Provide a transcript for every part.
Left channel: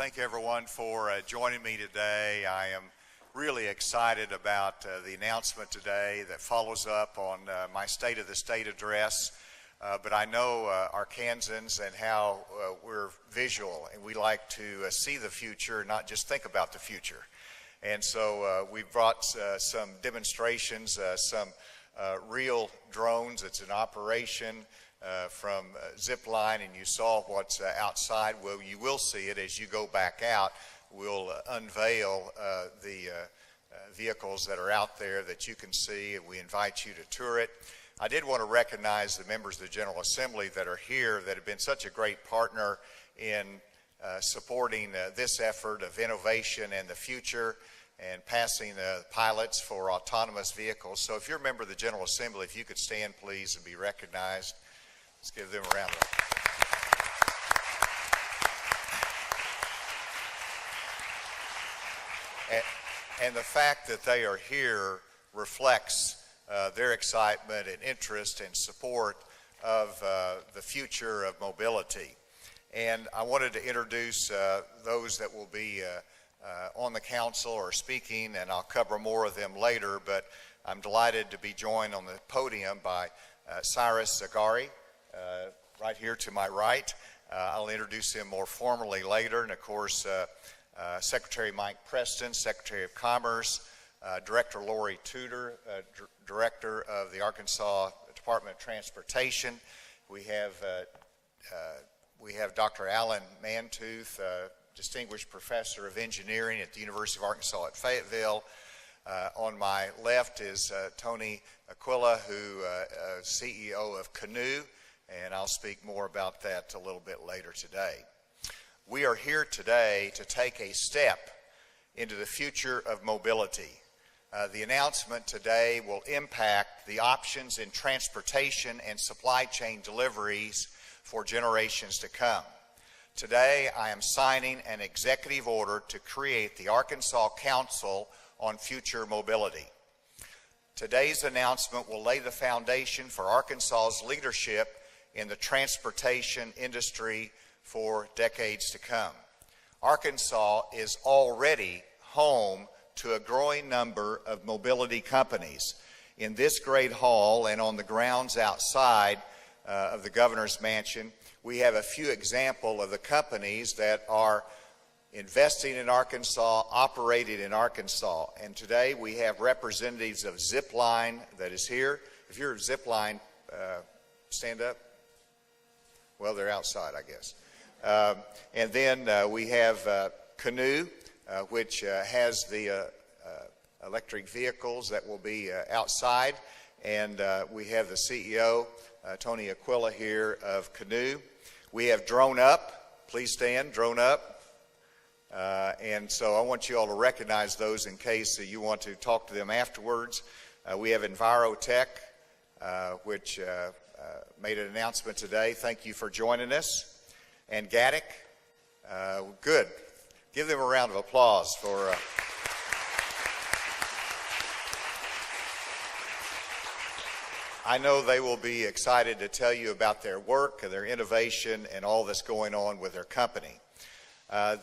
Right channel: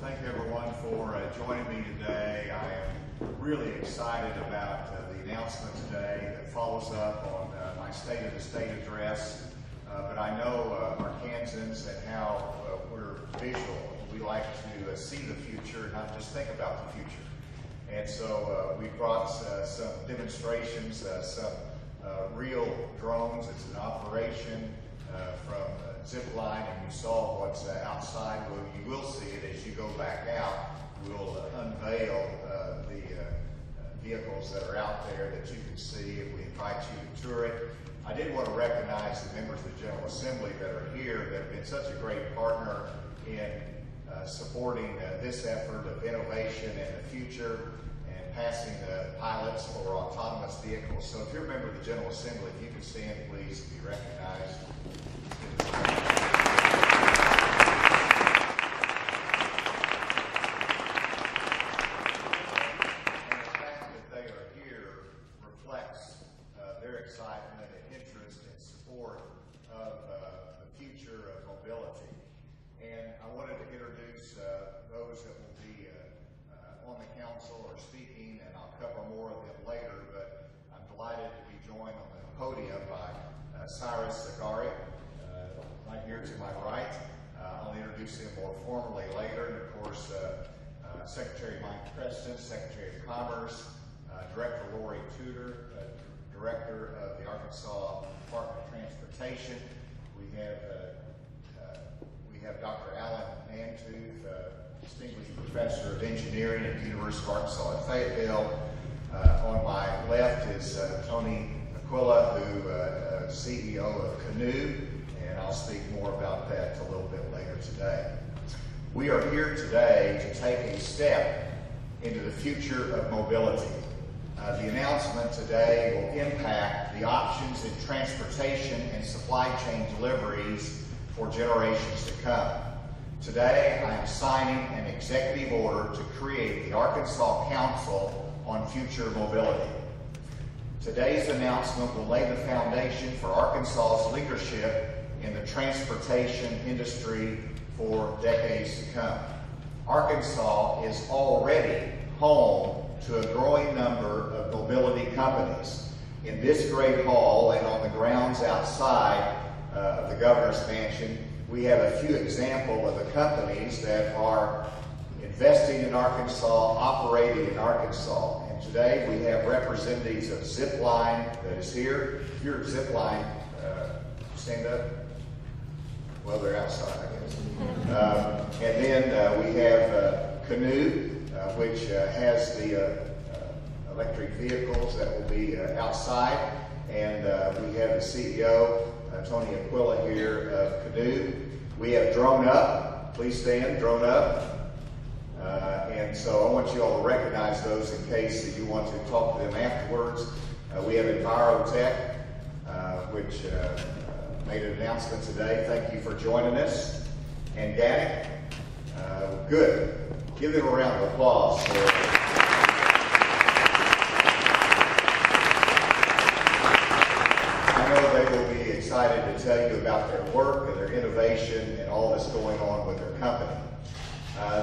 thank everyone for joining me today. I am really excited about the announcement today that follows up on my State of the State address. But I know Arkansans and how we're visual. We like to see the future, not just think about the future. And so we brought some demonstrations, some real drones. It's an operation from Zipline, and you saw what's outside. Well, you will see it as you go back out. We'll unveil the vehicles that are out there that you can see, and we invite you to tour it. I did want to recognize the members of the General Assembly that are here that have been such a great partner in supporting this effort of innovation and the future and passing pilots for autonomous vehicles. So if you're a member of the General Assembly, if you could stand, please, and be recognized. Let's give them a round. And the fact that they are here reflects their excitement and interest and support of the future of mobility. And I wanted to introduce those that will be on the council or speaking, and I'll cover more of them later, but I'm delighted to be joined on the podium by Cyrus Zaghari, right here to my right. I'll introduce him more formally later, and of course Secretary Mike Preston, Secretary of Commerce, Director Lori Tudor, Director of the Arkansas Department of Transportation. We have Dr. Alan Mantooth, Distinguished Professor of Engineering at the University of Arkansas at Fayetteville. On my left is Tony Aquila, who is CEO of Canoe, and I'll speak more about that a little bit later today. We are here today to take a step into the future of mobility. The announcement today will impact the options in transportation and supply chain deliveries for generations to come. Today, I am signing an executive order to create the Arkansas Council on Future Mobility. Today's announcement will lay the foundation for Arkansas's leadership in the transportation industry for decades to come. Arkansas is already home to a growing number of mobility companies. In this great hall and on the grounds outside of the governor's mansion, we have a few examples of the companies that are investing in Arkansas, operating in Arkansas. And today we have representatives of Zipline that is here. If you're Zipline, stand up. Well, they're outside, I guess. And then we have Canoe, which has the electric vehicles that will be outside. And we have the CEO, Tony Aquila here of Canoe. We have Drone Up. Please stand, Drone Up. And so I want you all to recognize those in case you want to talk to them afterwards. We have Envirotech, which made an announcement today. Thank you for joining us. And Gaddick, good. Give them a round of applause for I know they will be excited to tell you about their work and their innovation and all that's going on with their company.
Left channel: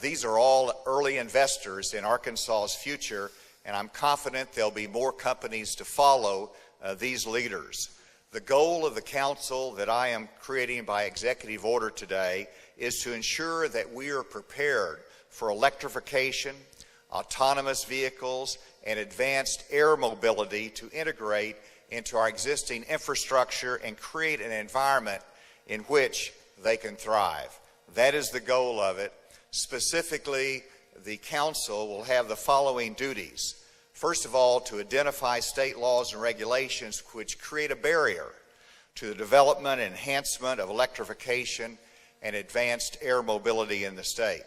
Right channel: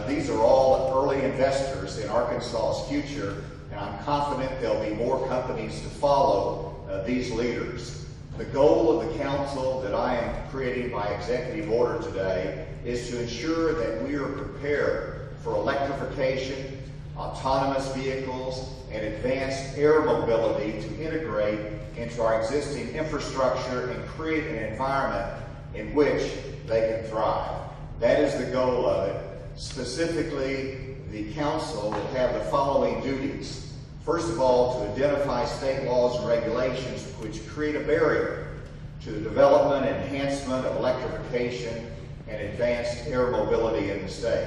These are all early investors in Arkansas's future, and I'm confident there'll be more companies to follow these leaders. The goal of the council that I am creating by executive order today is to ensure that we are prepared for electrification, autonomous vehicles, and advanced air mobility to integrate into our existing infrastructure and create an environment in which they can thrive. That is the goal of it. Specifically, the council will have the following duties. First of all, to identify state laws and regulations which create a barrier to the development and enhancement of electrification and advanced air mobility in the state.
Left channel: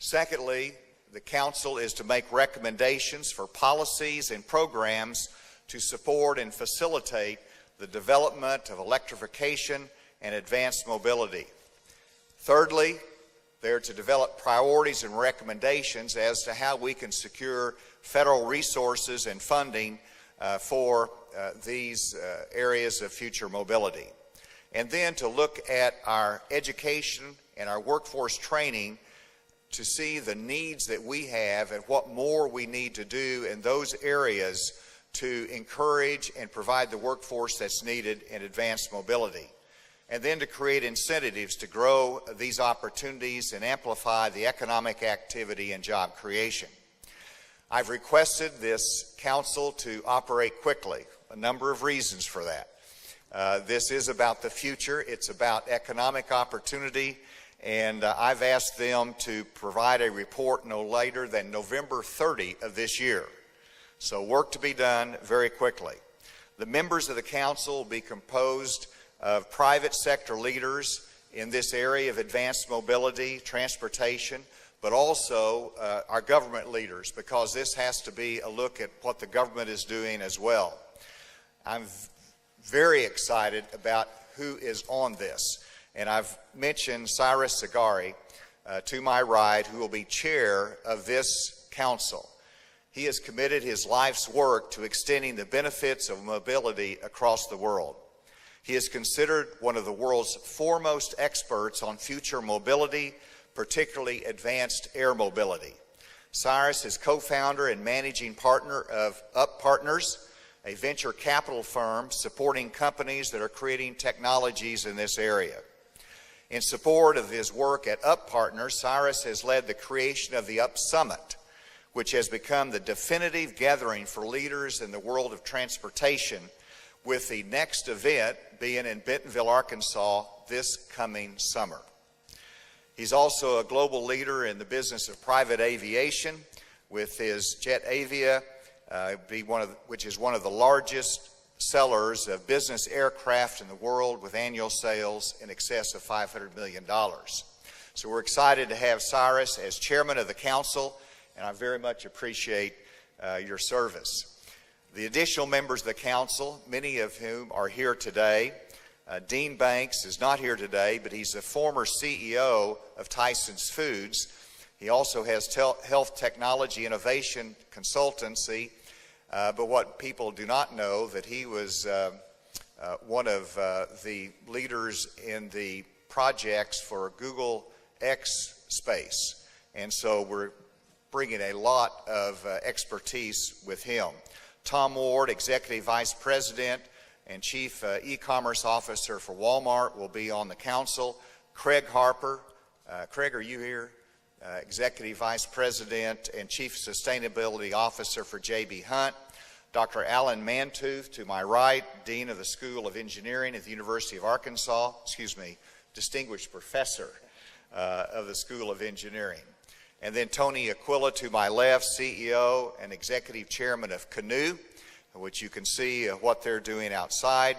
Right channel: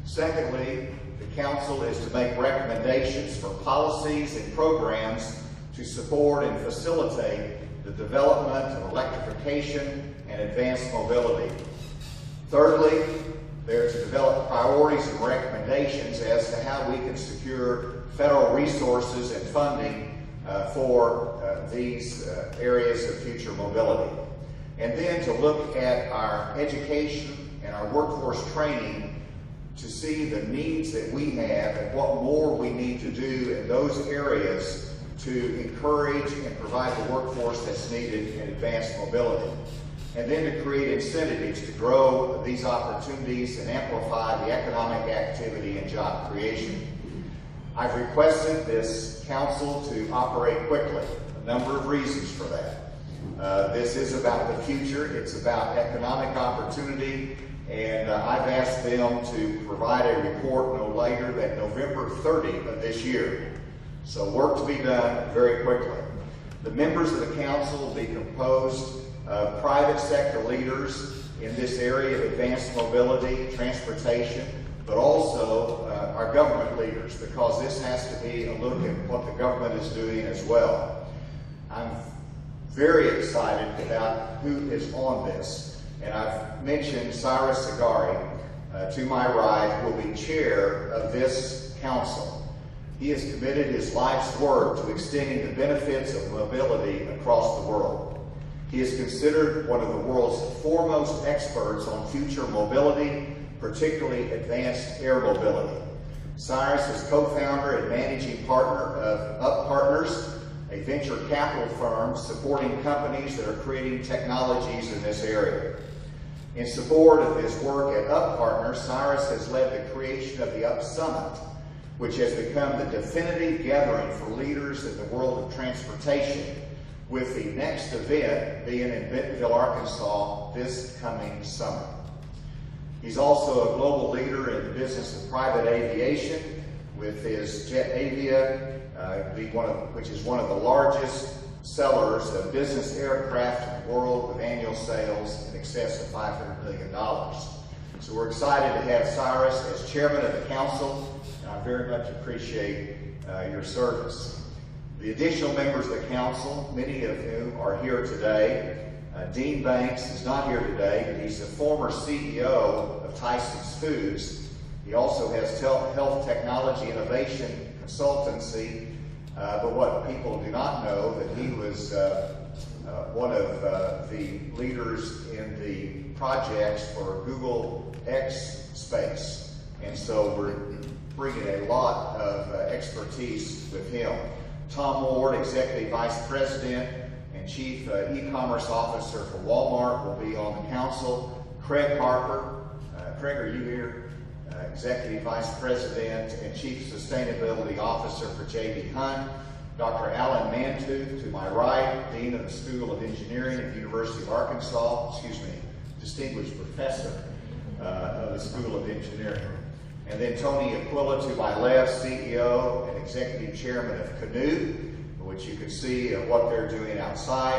Secondly, the council is to make recommendations for policies and programs to support and facilitate the development of electrification and advanced mobility. Thirdly, they're to develop priorities and recommendations as to how we can secure federal resources and funding for these areas of future mobility. And then to look at our education and our workforce training to see the needs that we have and what more we need to do in those areas to encourage and provide the workforce that's needed in advanced mobility. And then to create incentives to grow these opportunities and amplify the economic activity and job creation. I've requested this council to operate quickly. A number of reasons for that. This is about the future. It's about economic opportunity. And I've asked them to provide a report no later than November 30 of this year. So work to be done very quickly. The members of the council will be composed of private sector leaders in this area of advanced mobility, transportation, but also our government leaders, because this has to be a look at what the government is doing as well. I'm very excited about who is on this, and I've mentioned Cyrus Sagari to my right, who will be chair of this council. He has committed his life's work to extending the benefits of mobility across the world. He is considered one of the world's foremost experts on future mobility, particularly advanced air mobility. Cyrus is co-founder and managing partner of Up Partners, a venture capital firm supporting companies that are creating technologies in this area. In support of his work at Up Partners, Cyrus has led the creation of the Up Summit, which has become the definitive gathering for leaders in the world of transportation, with the next event being in Bentonville, Arkansas this coming summer. He's also a global leader in the business of private aviation with his Jet Avia, which is one of the largest sellers of business aircraft in the world, with annual sales in excess of $500 million. So we're excited to have Cyrus as chairman of the council, and I very much appreciate your service. The additional members of the council, many of whom are here today. Dean Banks is not here today, but he's the former CEO of Tyson's Foods. He also has health technology innovation consultancy, but what people do not know, that he was one of the leaders in the projects for Google X Space. And so we're bringing a lot of expertise with him. Tom Ward, Executive Vice President and Chief E-commerce Officer for Walmart, will be on the council. Craig Harper, Craig, are you here? Executive Vice President and Chief Sustainability Officer for J.B. Hunt. Dr. Alan Mantooth, to my right, Dean of the School of Engineering at the University of Arkansas, Distinguished Professor of the School of Engineering. And then Tony Aquila to my left, CEO and Executive Chairman of Canoe, which you can see what they're doing outside.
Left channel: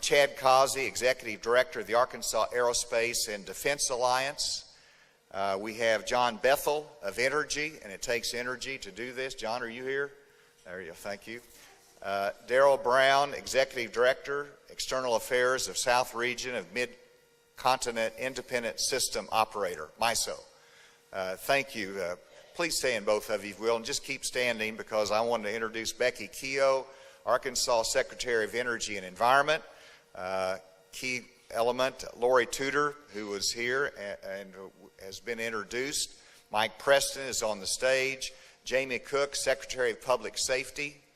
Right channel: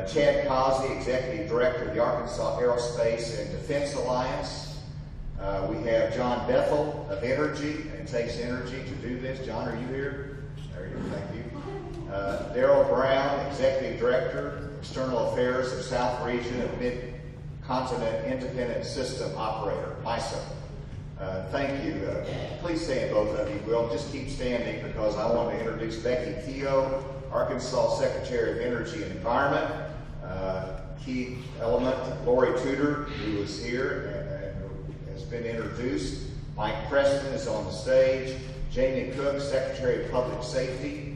Chad Causey, Executive Director of the Arkansas Aerospace and Defense Alliance. We have John Bethel of Energy, and it takes energy to do this. John, are you here? There you go, thank you. Darrell Brown, Executive Director, External Affairs of South Region of Mid-Continent Independent System Operator, MISO. Thank you. Please stand, both of you will. Just keep standing, because I want to introduce Becky Keogh, Arkansas Secretary of Energy and Environment. Key element, Lori Tudor, who is here and has been introduced. Mike Preston is on the stage. Jamie Cook, Secretary of Public Safety.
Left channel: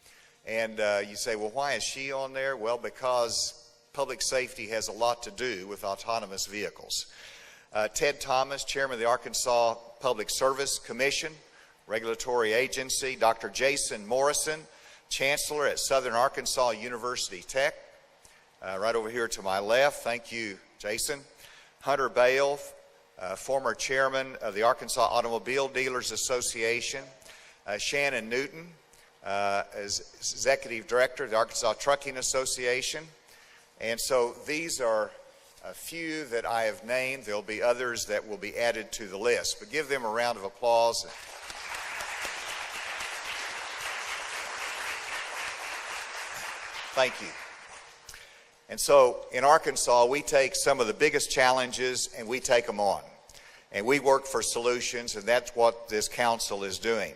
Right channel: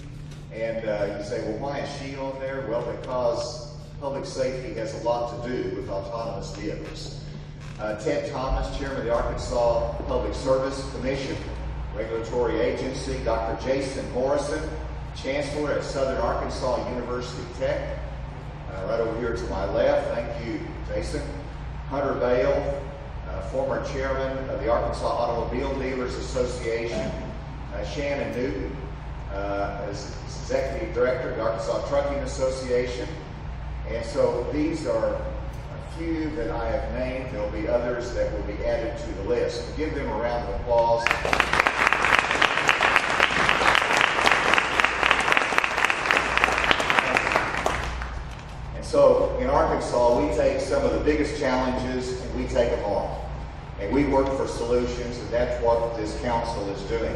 And you say, well, why is she on there? Well, because public safety has a lot to do with autonomous vehicles. Ted Thomas, Chairman of the Arkansas Public Service Commission, regulatory agency. Dr. Jason Morrison, Chancellor at Southern Arkansas University Tech, right over here to my left. Thank you, Jason. Hunter Bale, former Chairman of the Arkansas Automobile Dealers Association. Shannon Newton, as Executive Director of the Arkansas Trucking Association. And so these are few that I have named. There'll be others that will be added to the list. We'll give them a round of applause. Thank you. And so in Arkansas, we take some of the biggest challenges and we take them on. And we work for solutions, and that's what this council is doing.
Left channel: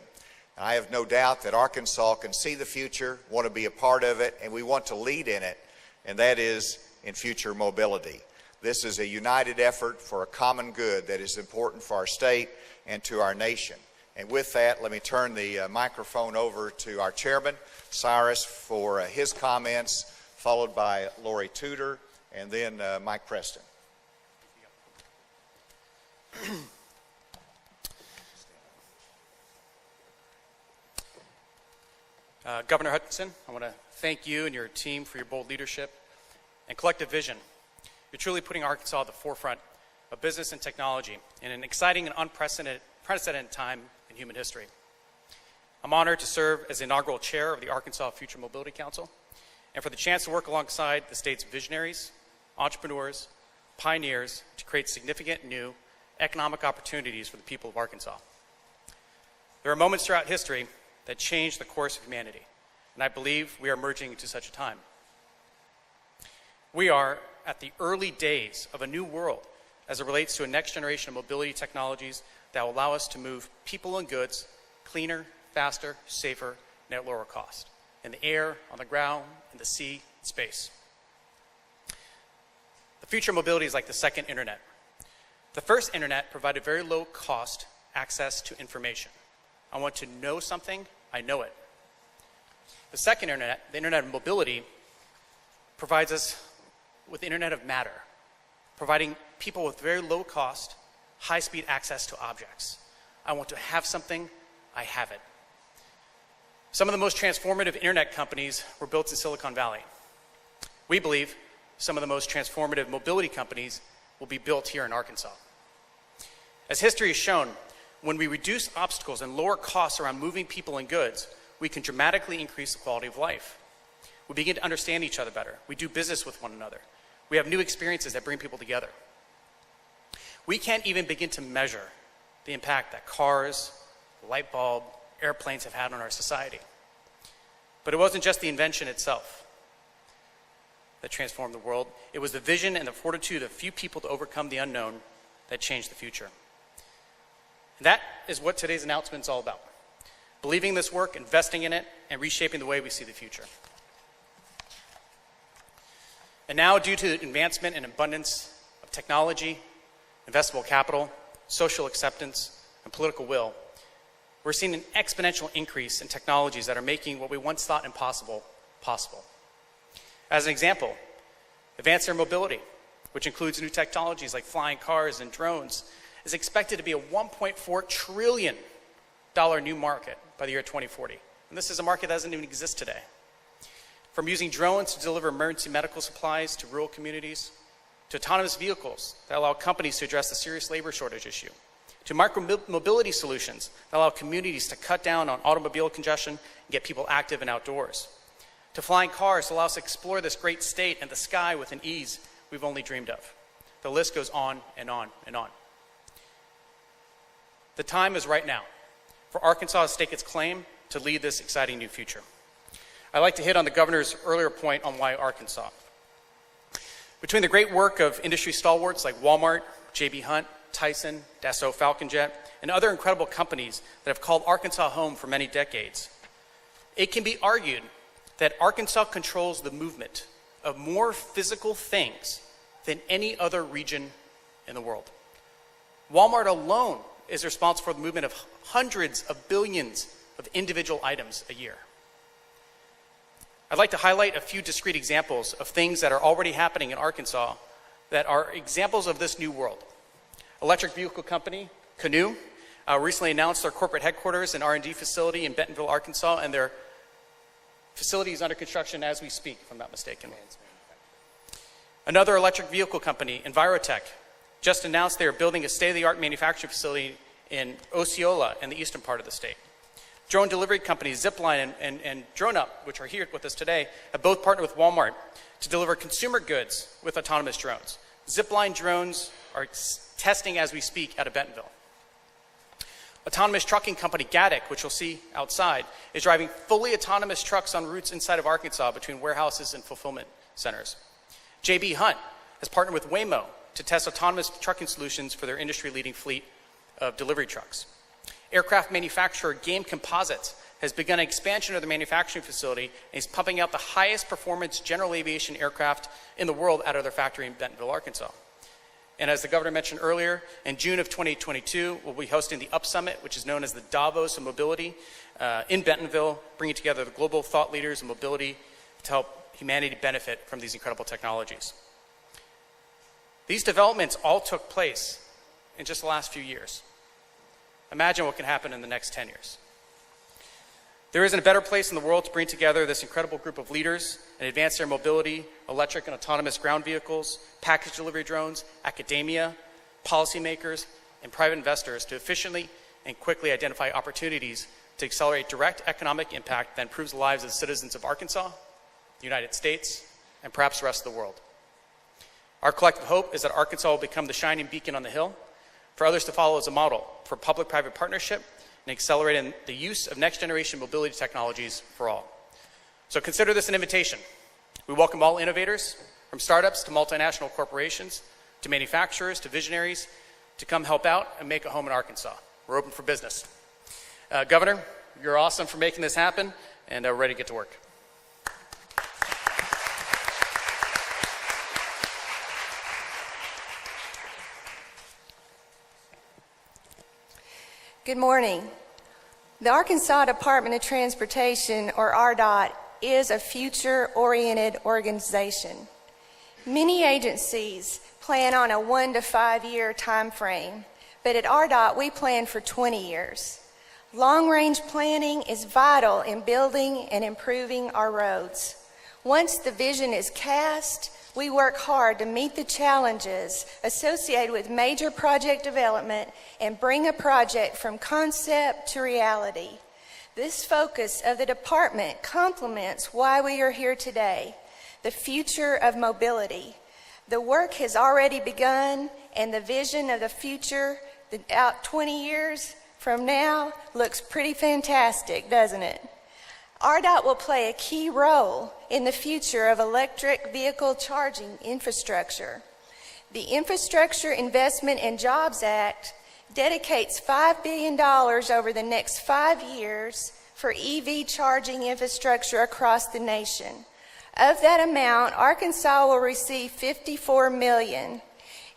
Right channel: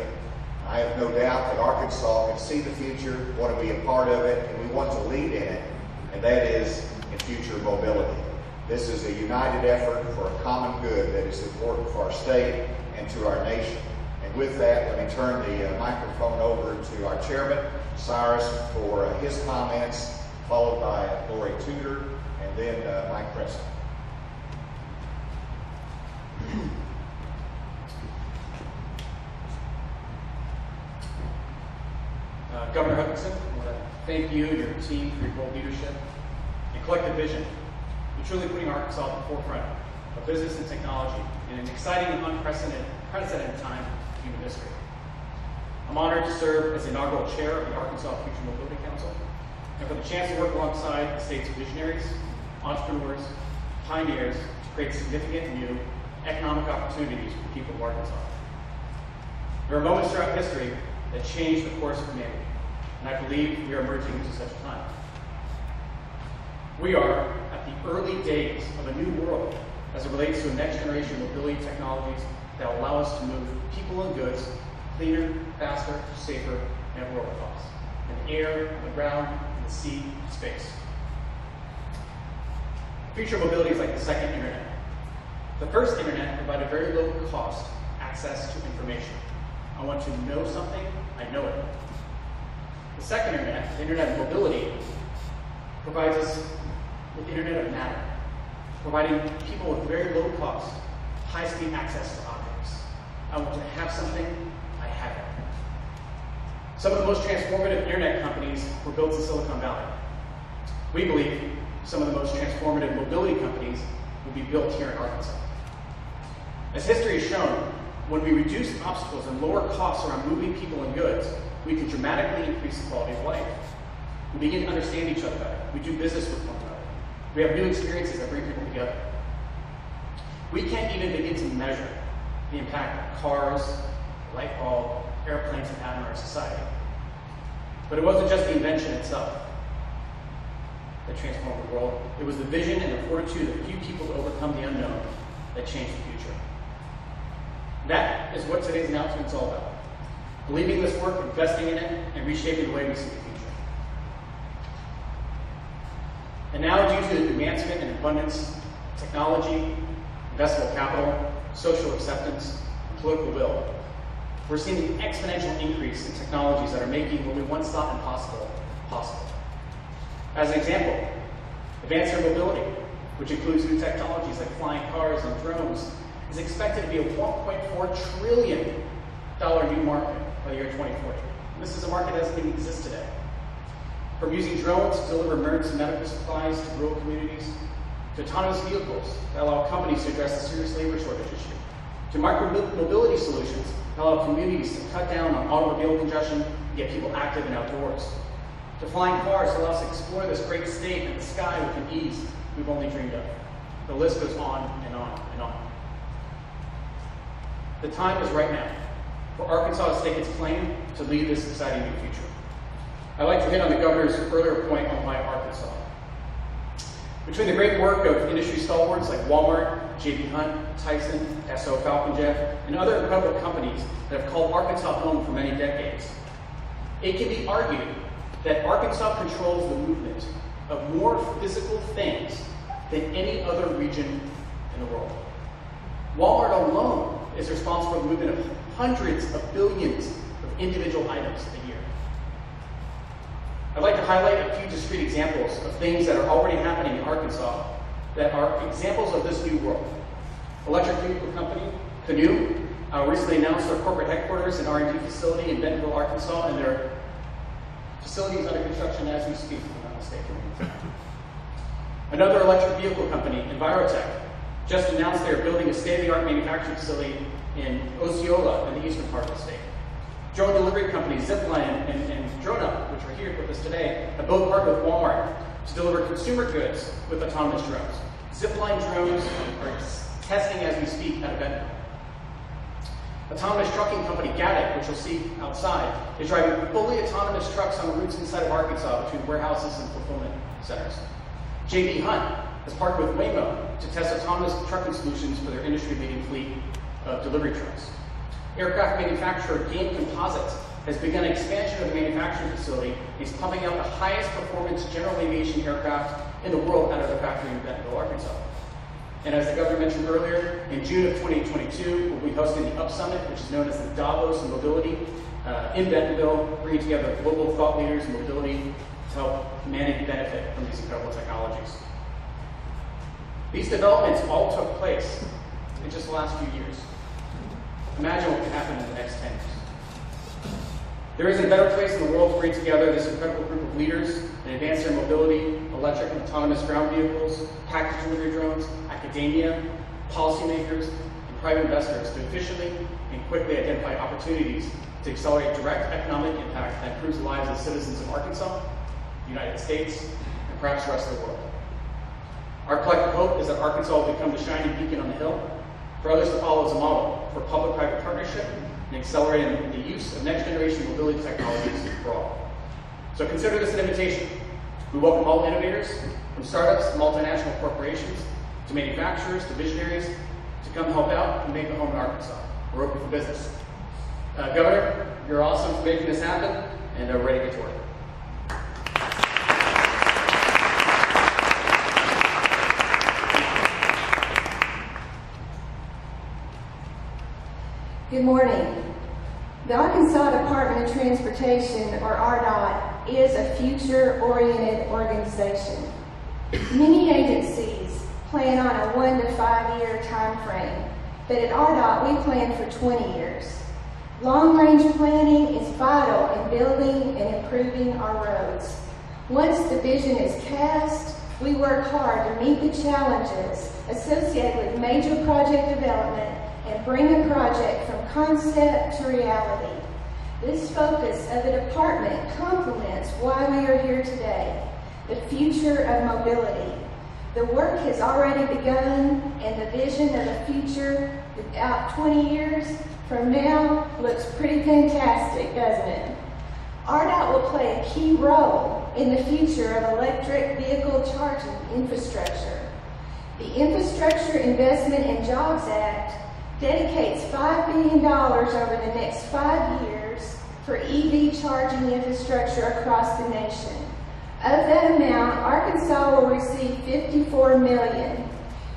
I have no doubt that Arkansas can see the future, want to be a part of it, and we want to lead in it, and that is in future mobility. This is a united effort for a common good that is important for our state and to our nation. And with that, let me turn the microphone over to our chairman, Cyrus, for his comments, followed by Lori Tudor, and then Mike Preston. Governor Hutchinson, I want to thank you and your team for your bold leadership and collective vision. You're truly putting Arkansas at the forefront of business and technology in an exciting and unprecedented time in human history. I'm honored to serve as the inaugural chair of the Arkansas Future Mobility Council and for the chance to work alongside the state's visionaries, entrepreneurs, pioneers to create significant new economic opportunities for the people of Arkansas. There are moments throughout history that change the course of humanity, and I believe we are emerging into such a time. We are at the early days of a new world as it relates to a next generation of mobility technologies that will allow us to move people and goods cleaner, faster, safer, and at lower cost, in the air, on the ground, in the sea, and space. The future of mobility is like the second internet. The first internet provided very low cost access to information. I want to know something, I know it. The second internet, the internet of mobility, provides us with the internet of matter, providing people with very low cost, high-speed access to objects. I want to have something, I have it. Some of the most transformative internet companies were built in Silicon Valley. We believe some of the most transformative mobility companies will be built here in Arkansas. As history has shown, when we reduce obstacles and lower costs around moving people and goods, we can dramatically increase the quality of life. We begin to understand each other better. We do business with one another. We have new experiences that bring people together. We can't even begin to measure the impact that cars, light bulb, airplanes have had on our society. But it wasn't just the invention itself that transformed the world. It was the vision and the fortitude of a few people to overcome the unknown that changed the future. That is what today's announcement is all about. Believing in this work, investing in it, and reshaping the way we see the future. And now, due to the advancement and abundance of technology, investable capital, social acceptance, and political will, we're seeing an exponential increase in technologies that are making what we once thought impossible, possible. As an example, advanced air mobility, which includes new technologies like flying cars and drones, is expected to be a $1.4 trillion new market by the year 2040. And this is a market that doesn't even exist today. From using drones to deliver emergency medical supplies to rural communities, to autonomous vehicles that allow companies to address the serious labor shortage issue, to micro-mobility solutions that allow communities to cut down on automobile congestion and get people active and outdoors, to flying cars that allow us to explore this great state and the sky with an ease we've only dreamed of. The list goes on and on and on. The time is right now for Arkansas to stake its claim to lead this exciting new future. I'd like to hit on the governor's earlier point on why Arkansas. Between the great work of industry stalwarts like Walmart, J.B. Hunt, Tyson, Dassault Falcon Jet, and other incredible companies that have called Arkansas home for many decades, it can be argued that Arkansas controls the movement of more physical things than any other region in the world. Walmart alone is responsible for the movement of hundreds of billions of individual items a year. I'd like to highlight a few discrete examples of things that are already happening in Arkansas that are examples of this new world. Electric vehicle company, Canoe, recently announced their corporate headquarters and R&D facility in Bentonville, Arkansas, and their facility is under construction as we speak, if I'm not mistaken. Another electric vehicle company, Envirotech, just announced they are building a state-of-the-art manufacturing facility in Osceola in the eastern part of the state. Drone delivery companies Zipline and DroneUp, which are here with us today, have both partnered with Walmart to deliver consumer goods with autonomous drones. Zipline drones are testing as we speak out of Bentonville. Autonomous trucking company Gatik, which you'll see outside, is driving fully autonomous trucks on routes inside of Arkansas between warehouses and fulfillment centers. J.B. Hunt has partnered with Waymo to test autonomous trucking solutions for their industry-leading fleet of delivery trucks. Aircraft manufacturer Game Composites has begun an expansion of the manufacturing facility and is pumping out the highest performance general aviation aircraft in the world out of their factory in Bentonville, Arkansas. And as the governor mentioned earlier, in June of 2022, we'll be hosting the Up Summit, which is known as the Davos of Mobility, in Bentonville, bringing together global thought leaders in mobility to help humanity benefit from these incredible technologies. These developments all took place in just the last few years. Imagine what could happen in the next 10 years. There isn't a better place in the world to bring together this incredible group of leaders and advance their mobility, electric and autonomous ground vehicles, package delivery drones, academia, policymakers, and private investors to efficiently and quickly identify opportunities to accelerate direct economic impact that improves the lives of the citizens of Arkansas, the United States, and perhaps the rest of the world. Our collective hope is that Arkansas will become the shining beacon on the hill for others to follow as a model for public-private partnership and accelerating the use of next-generation mobility technologies for all. So consider this an invitation. We welcome all innovators, from startups to multinational corporations, to manufacturers, to visionaries, to come help out and make a home in Arkansas. We're open for business. Governor, you're awesome for making this happen, and we're ready to get to work. Good morning. The Arkansas Department of Transportation, or RDOT, is a future-oriented organization. Many agencies plan on a 1 to 5 year time frame, but at RDOT we plan for 20 years. Long-range planning is vital in building and improving our roads. Once the vision is cast, we work hard to meet the challenges associated with major project development and bring a project from concept to reality. This focus of the department complements why we are here today, the future of mobility. The work has already begun, and the vision of the future, out 20 years from now, looks pretty fantastic, doesn't it? RDOT will play a key role in the future of electric vehicle charging infrastructure. The Infrastructure Investment and Jobs Act dedicates $5 billion over the next 5 years for EV charging infrastructure across the nation. Of that amount, Arkansas will receive $54 million.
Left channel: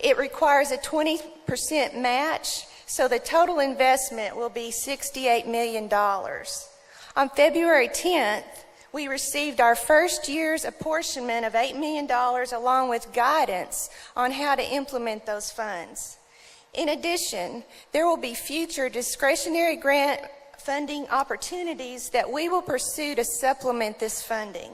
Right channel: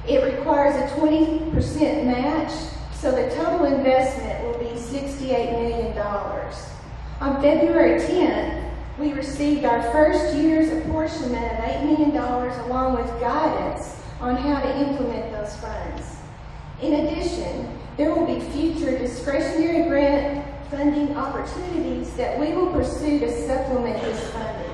It requires a 20% match, so the total investment will be $68 million. On February 10th, we received our first year's apportionment of $8 million along with guidance on how to implement those funds. In addition, there will be future discretionary grant funding opportunities that we will pursue to supplement this funding.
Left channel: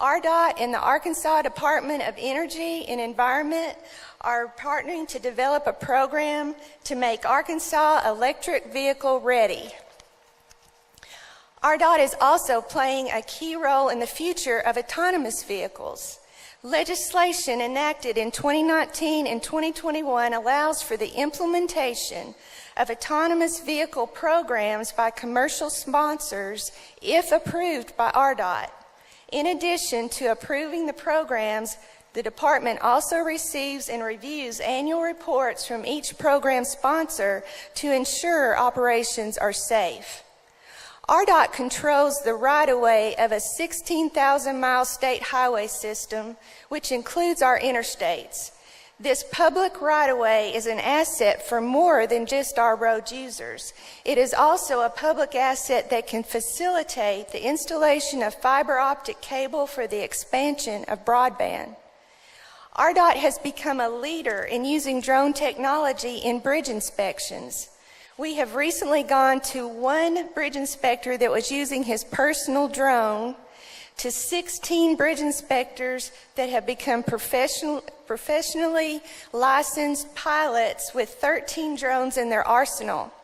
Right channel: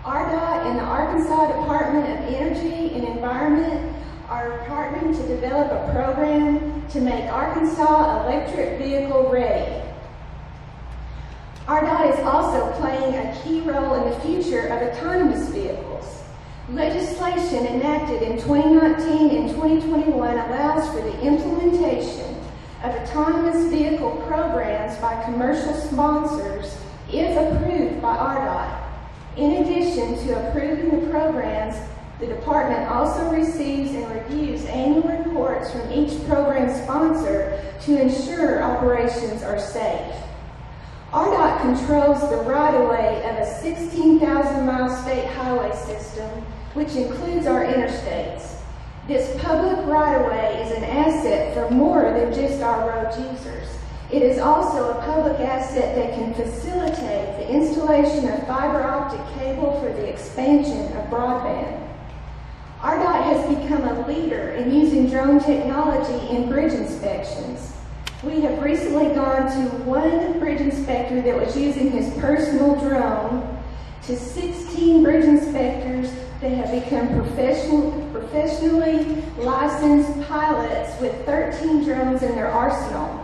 RDOT and the Arkansas Department of Energy and Environment are partnering to develop a program to make Arkansas electric vehicle ready. RDOT is also playing a key role in the future of autonomous vehicles. Legislation enacted in 2019 and 2021 allows for the implementation of autonomous vehicle programs by commercial sponsors if approved by RDOT. In addition to approving the programs, the department also receives and reviews annual reports from each program sponsor to ensure operations are safe. RDOT controls the right-of-way of a 16,000-mile state highway system, which includes our interstates. This public right-of-way is an asset for more than just our road users. It is also a public asset that can facilitate the installation of fiber optic cable for the expansion of broadband. RDOT has become a leader in using drone technology in bridge inspections. We have recently gone to one bridge inspector that was using his personal drone to 16 bridge inspectors that have become professionally licensed pilots with 13 drones in their arsenal.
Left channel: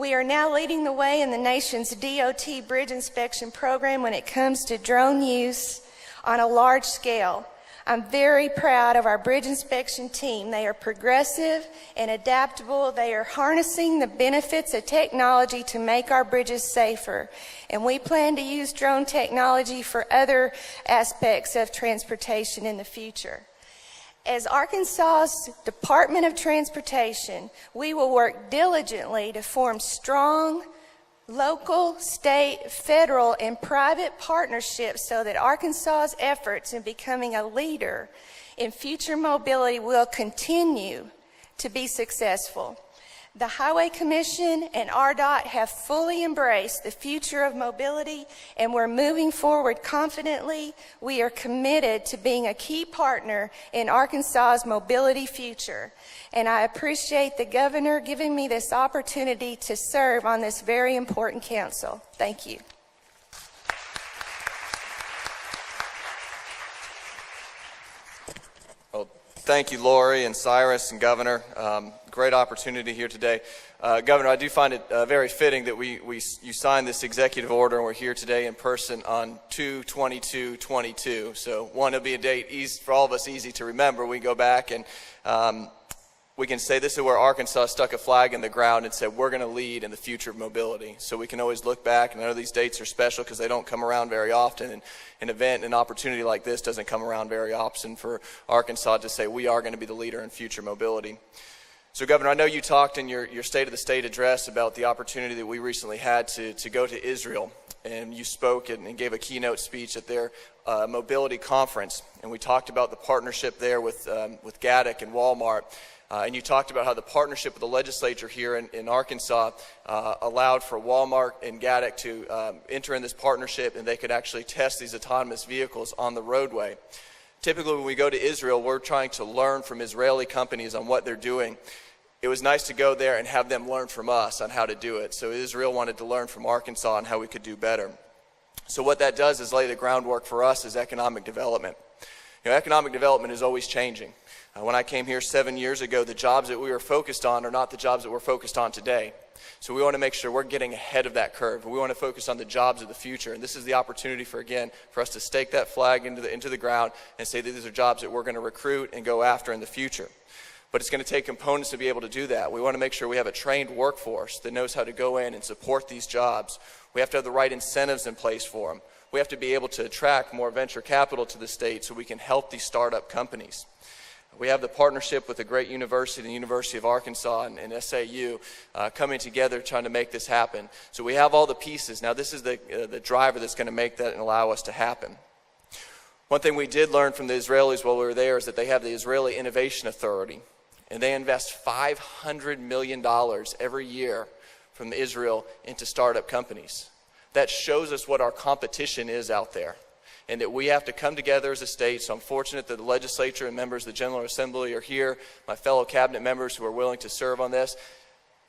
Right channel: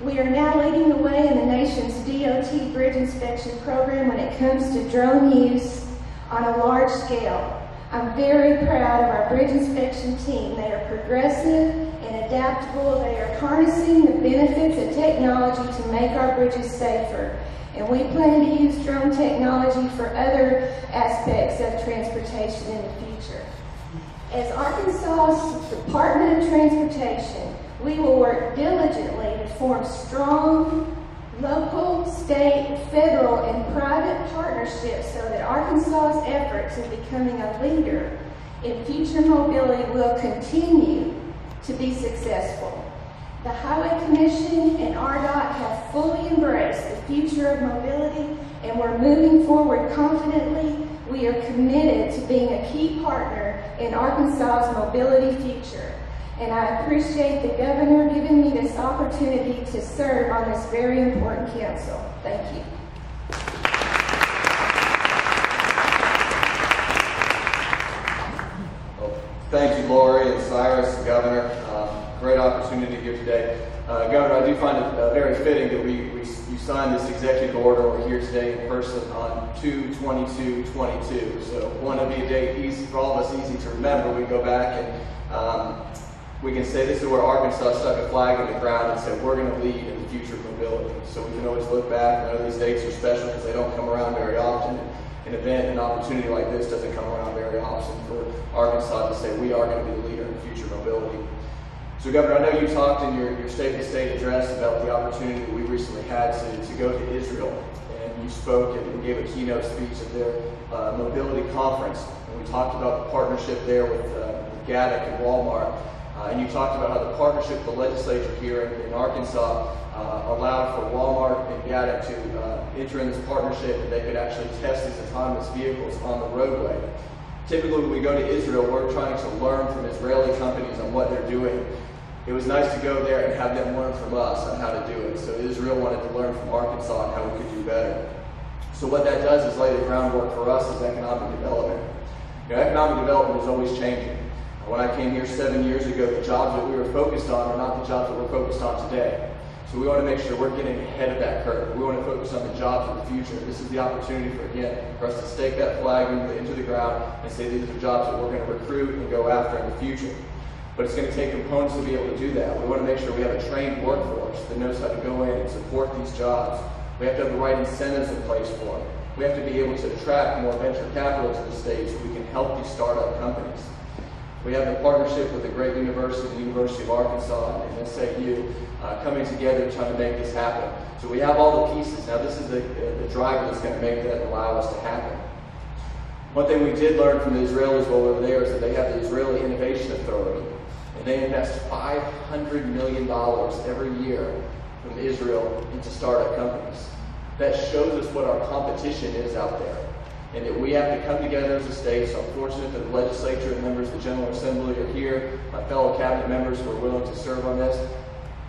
We are now leading the way in the nation's DOT bridge inspection program when it comes to drone use on a large scale. I'm very proud of our bridge inspection team. They are progressive and adaptable. They are harnessing the benefits of technology to make our bridges safer. And we plan to use drone technology for other aspects of transportation in the future. As Arkansas's Department of Transportation, we will work diligently to form strong local, state, federal, and private partnerships so that Arkansas's efforts in becoming a leader and future mobility will continue to be successful. The Highway Commission and RDOT have fully embraced the future of mobility, and we're moving forward confidently. We are committed to being a key partner in Arkansas's mobility future. And I appreciate the governor giving me this opportunity to serve on this very important council. Thank you. Well, thank you, Lori and Cyrus and Governor. Great opportunity here today. Governor, I do find it very fitting that you signed this executive order and we're here today in person on 2/22/22. So one to be a date easy for all of us, easy to remember. We go back and we can say this is where Arkansas stuck a flag in the ground and said we're going to lead in the future of mobility. So we can always look back, and I know these dates are special because they don't come around very often. An opportunity like this doesn't come around very often for Arkansas to say we are going to be the leader in future mobility. So Governor, I know you talked in your State of the State address about the opportunity that we recently had to go to Israel, and you spoke and gave a keynote speech at their mobility conference, and we talked about the partnership there with Gaddick and Walmart, and you talked about how the partnership with the legislature here in Arkansas allowed for Walmart and Gaddick to enter in this partnership, and they could actually test these autonomous vehicles on the roadway. Typically, when we go to Israel, we're trying to learn from Israeli companies on what they're doing. It was nice to go there and have them learn from us on how to do it. So Israel wanted to learn from Arkansas on how we could do better. So what that does is lay the groundwork for us as economic development. Economic development is always changing. When I came here 7 years ago, the jobs that we were focused on are not the jobs that we're focused on today. So we want to make sure we're getting ahead of that curve. We want to focus on the jobs of the future. This is the opportunity for us to stake that flag into the ground and say that these are jobs that we're going to recruit and go after in the future. But it's going to take components to be able to do that. We want to make sure we have a trained workforce that knows how to go in and support these jobs. We have to have the right incentives in place for them. We have to be able to attract more venture capital to the state so we can help these startup companies. We have the partnership with a great university, the University of Arkansas and SAU, coming together trying to make this happen. So we have all the pieces. Now this is the driver that's going to make that and allow us to happen. One thing we did learn from the Israelis while we were there is that they have the Israeli Innovation Authority, and they invest $500 million every year from Israel into startup companies. That shows us what our competition is out there, and that we have to come together as a state. So I'm fortunate that the legislature and members of the General Assembly are here, my fellow cabinet members who are willing to serve on this,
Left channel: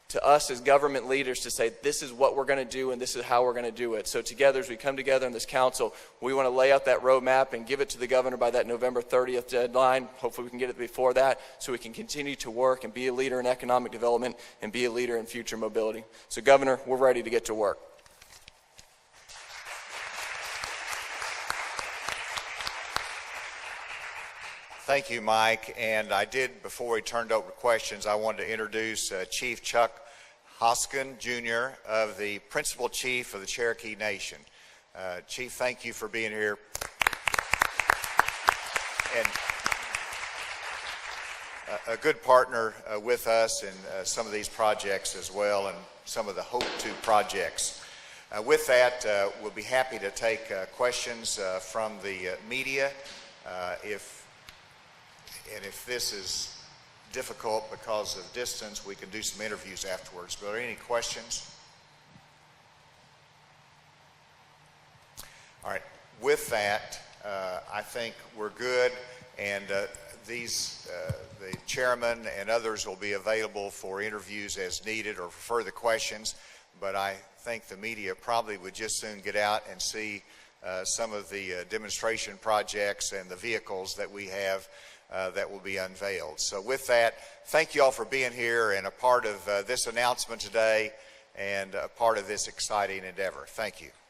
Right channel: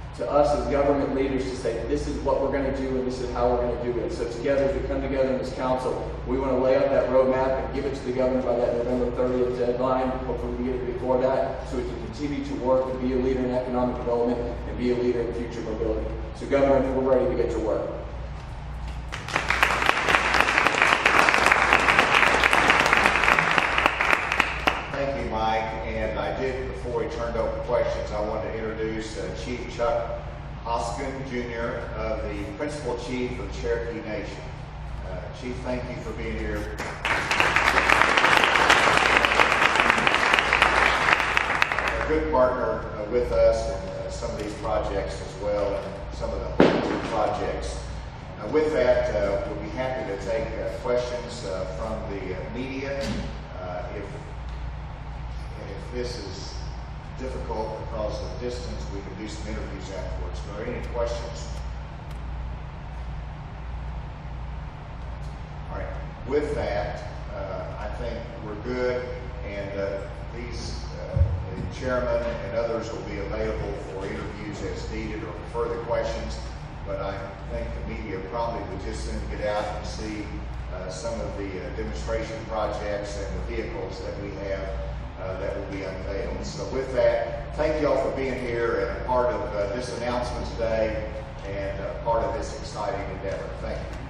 to us as government leaders to say this is what we're going to do and this is how we're going to do it. So together, as we come together in this council, we want to lay out that roadmap and give it to the governor by that November 30th deadline. Hopefully we can get it before that so we can continue to work and be a leader in economic development and be a leader in future mobility. So Governor, we're ready to get to work. Thank you, Mike. And I did, before we turned over questions, I wanted to introduce Chief Chuck Hoskin, Jr., of the Principal Chief of the Cherokee Nation. Chief, thank you for being here. A good partner with us in some of these projects as well, and some of the Hope 2 projects. With that, we'll be happy to take questions from the media. If this is difficult because of distance, we can do some interviews afterwards. Are there any questions? All right. With that, I think we're good, and the chairman and others will be available for interviews as needed or for further questions. But I think the media probably would just soon get out and see some of the demonstration projects and the vehicles that we have that will be unveiled. So with that, thank you all for being here and a part of this announcement today and part of this exciting endeavor. Thank you.